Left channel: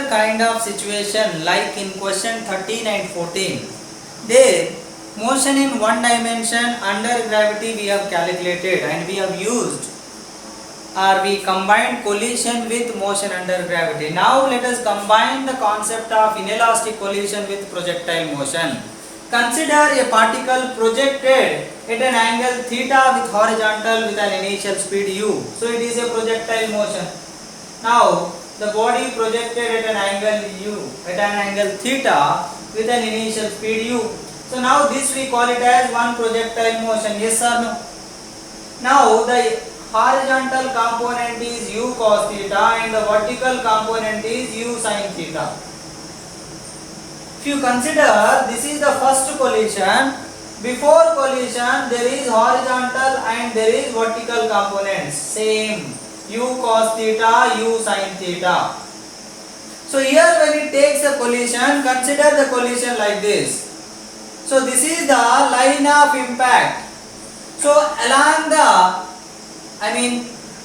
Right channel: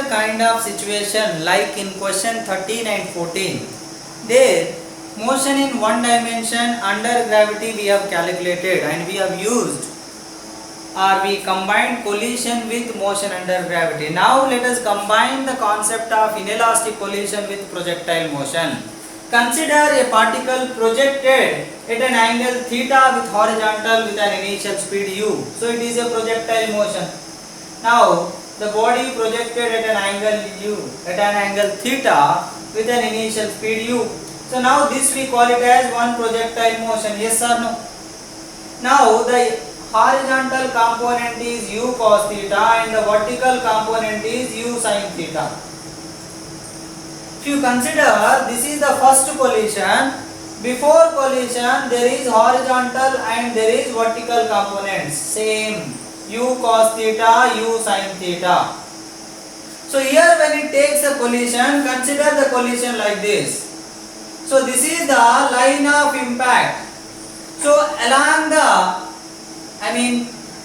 similar kind of situation like in question 13 and 14. There, motion in one dimension under gravity we have calculated and we have used, or we combined collision with motion under gravity. Now let us combine the concept of inelastic collision with projectile motion. Consider a particle projected at an angle theta with horizontal with an initial speed u. So it is a projectile motion. Now the body projected at an angle theta with an initial speed u. So now this we call it as one projectile motion. Yes or no? Now the horizontal component is u cos theta and the vertical component is u sin theta. If you consider this is the first collision, before collision there is horizontal and there is vertical components, same u cos theta, u sin theta. So here when it takes a collision, consider the collision like this. So this is the line of impact. So along the,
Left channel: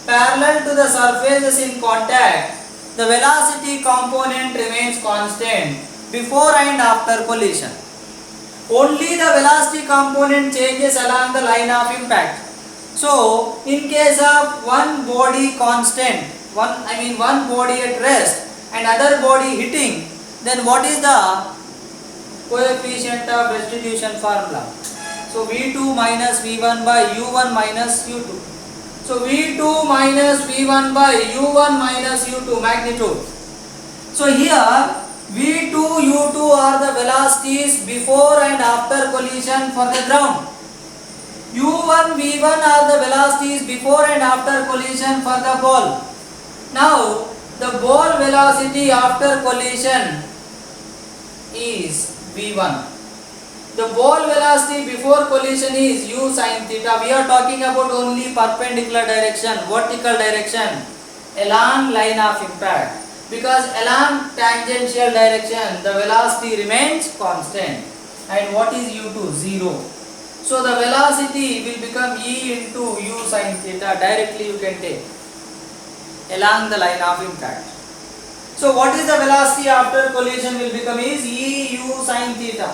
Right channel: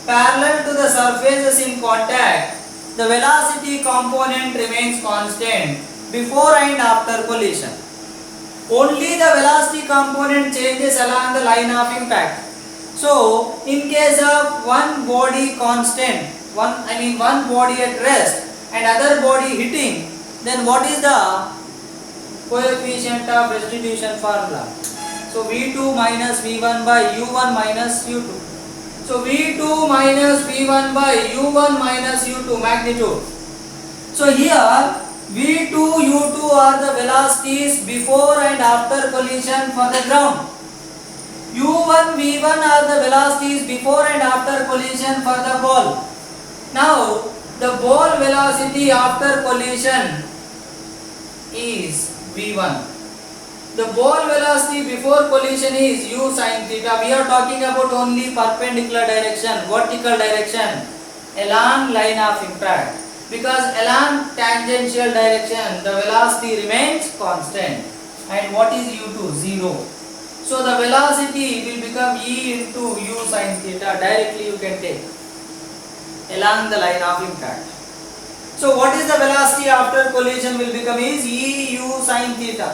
parallel to the surfaces in contact, the velocity component remains constant before and after collision. Only the velocity component changes along the line of impact. So in case of one body constant, one body at rest and other body hitting, then what is the coefficient of restitution formula? So V2 minus V1 by U1 minus U2. So V2 minus V1 by U1 minus U2 magnitude. So here V2, U2 are the velocities before and after collision for the ground. U1, V1 are the velocities before and after collision for the ball. Now the ball velocity after collision is V1. The ball velocity before collision is u sin theta. We are talking about only perpendicular direction, vertical direction, along line of impact. Because along tangential direction, the velocity remains constant. And what is u2? 0. So the velocity will become e into u sin theta. Directly you can take along the line of impact. So what is the velocity after collision will become is e u sin theta.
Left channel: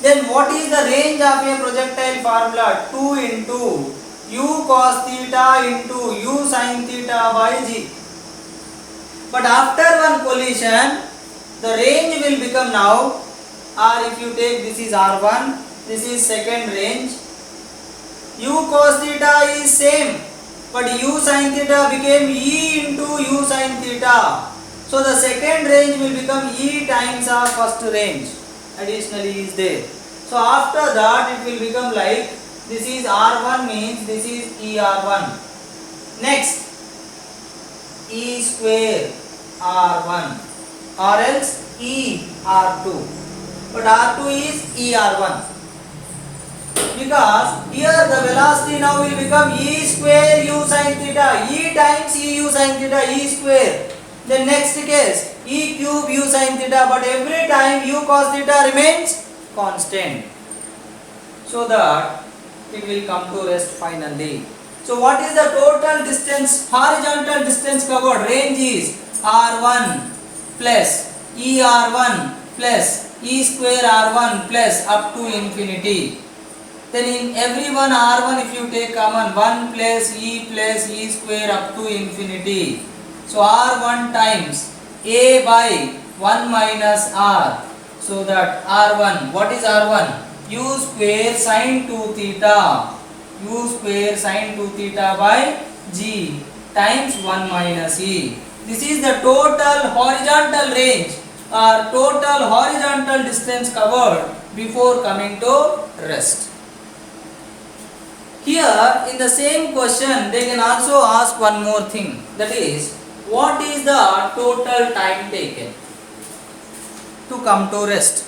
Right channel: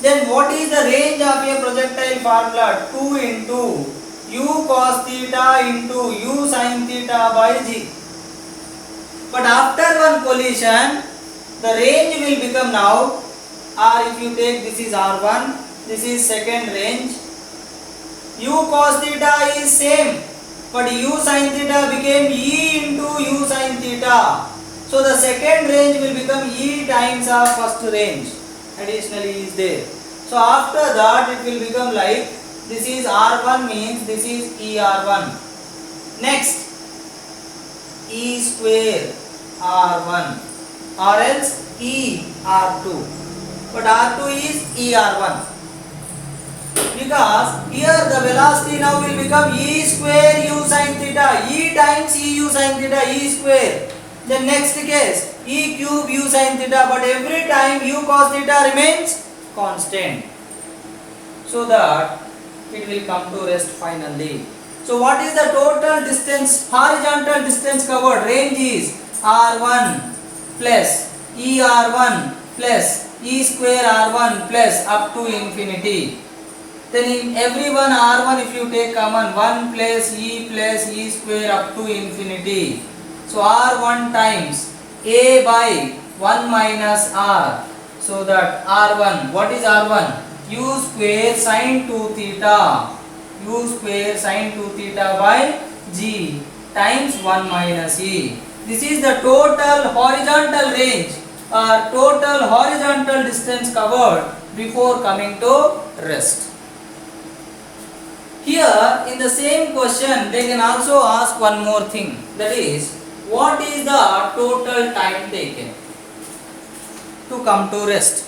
Then what is the range of a projectile formula? 2 into u cos theta into u sin theta by g. But after one collision, the range will become now, or if you take this is R1, this is second range. U cos theta is same, but u sin theta became e into u sin theta. So the second range will become e times of first range. Additionally is there. So after that it will become like this is R1 means this is ER1. Next E square R1 or else ER2. But R2 is ER1. Because here the velocity now will become E square u sin theta. E times E u sin theta, E square. Then next case E cube u sin theta, but every time u cos theta remains constant, so that it will come to rest finally. So what is the total distance, horizontal distance covered? Range is R1 plus ER1 plus E square R1 plus up to infinity. Then in every one R1 if you take common 1 plus E square up to infinity. So R1 times A by 1 minus R. So that R1, what is R1? U square sin 2 theta. U square sin 2 theta by G times 1 minus E. This is the total horizontal range or total horizontal distance covered before coming to rest. Here in the same question they can also ask one more thing, that is what is the total time taken to come to rest.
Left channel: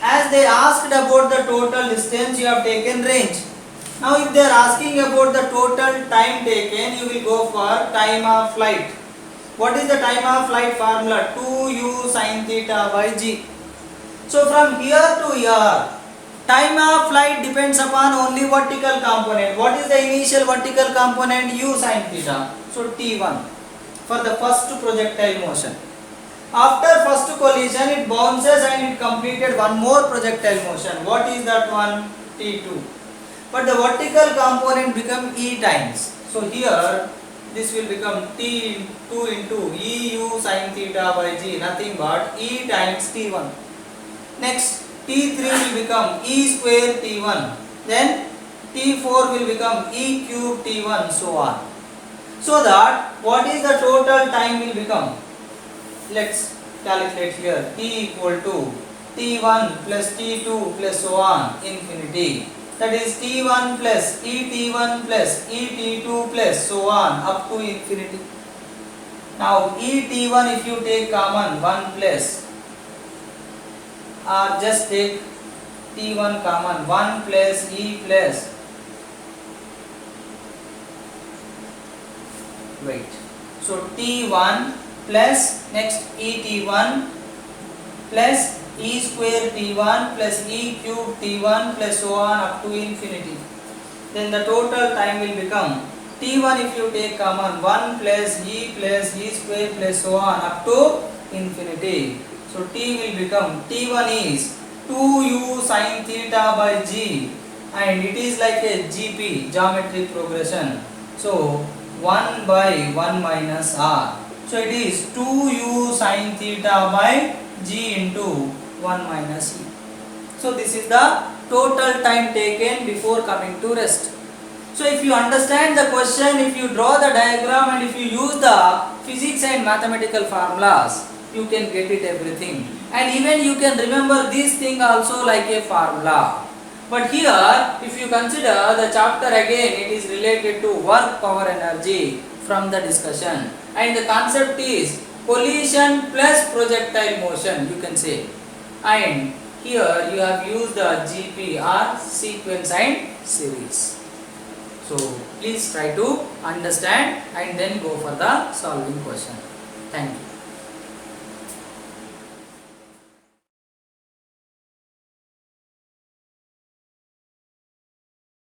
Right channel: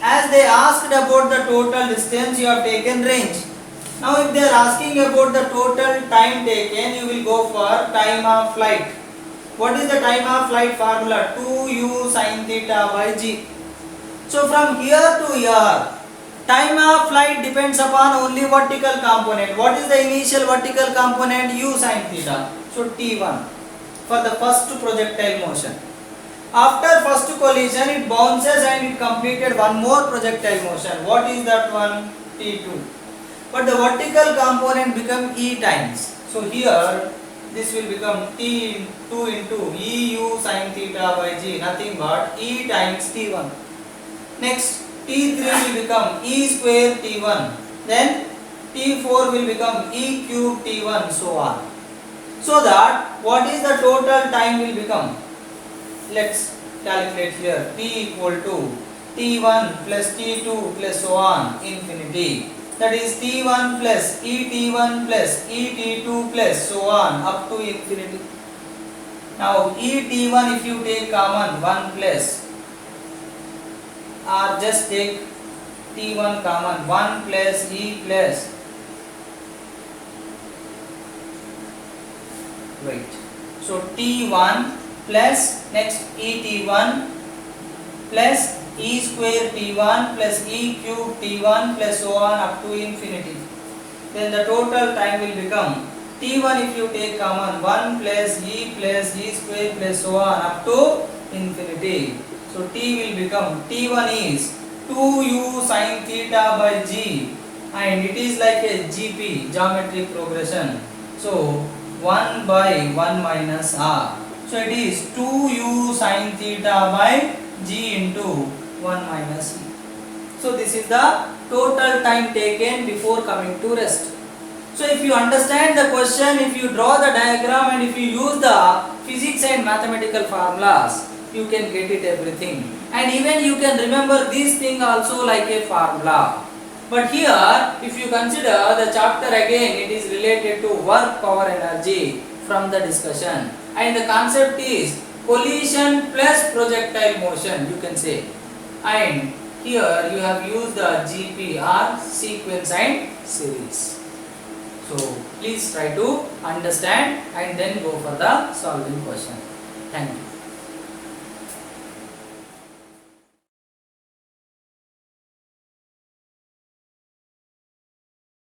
As they asked about the total distance, you have taken range. Now if they are asking about the total time taken, you will go for time of flight. What is the time of flight formula? 2u sin theta by g. So from here to here, time of flight depends upon only vertical component. What is the initial vertical component? U sin theta. So t1 for the first projectile motion. After first collision, it bounces and it completed one more projectile motion. What is that one? T2. But the vertical component become E times. So here this will become T2 into EU sin theta by G, nothing but E times T1. Next T3 will become E square T1. Then T4 will become E cube T1, so on. So that what is the total time will become? Let's calculate here. P equal to T1 plus T2 plus so on infinity. That is T1 plus ET1 plus ET2 plus so on up to infinity. Now ET1 if you take common 1 plus, or just take T1 common 1 plus E plus, wait, so T1 plus next ET1 plus E square T1 plus E cube T1 plus so on up to infinity. Then the total time will become T1 if you take common 1 plus E square plus so on up to infinity. So T will become T1 is 2U sin theta by G, and it is like a GP, geometric progression. So 1 by 1 minus R. So it is 2U sin theta by G into 1 minus E. So this is the total time taken before coming to rest. So if you understand the question, if you draw the diagram and if you use the physics and mathematical formulas, you can get it everything. And even you can remember this thing also like a formula. But here, if you consider the chapter again, it is related to work power energy from the discussion. And the concept is collision plus projectile motion, you can say. And here you have used the GPR sequence and series. So please try to understand and then go for the solving question. Thank you.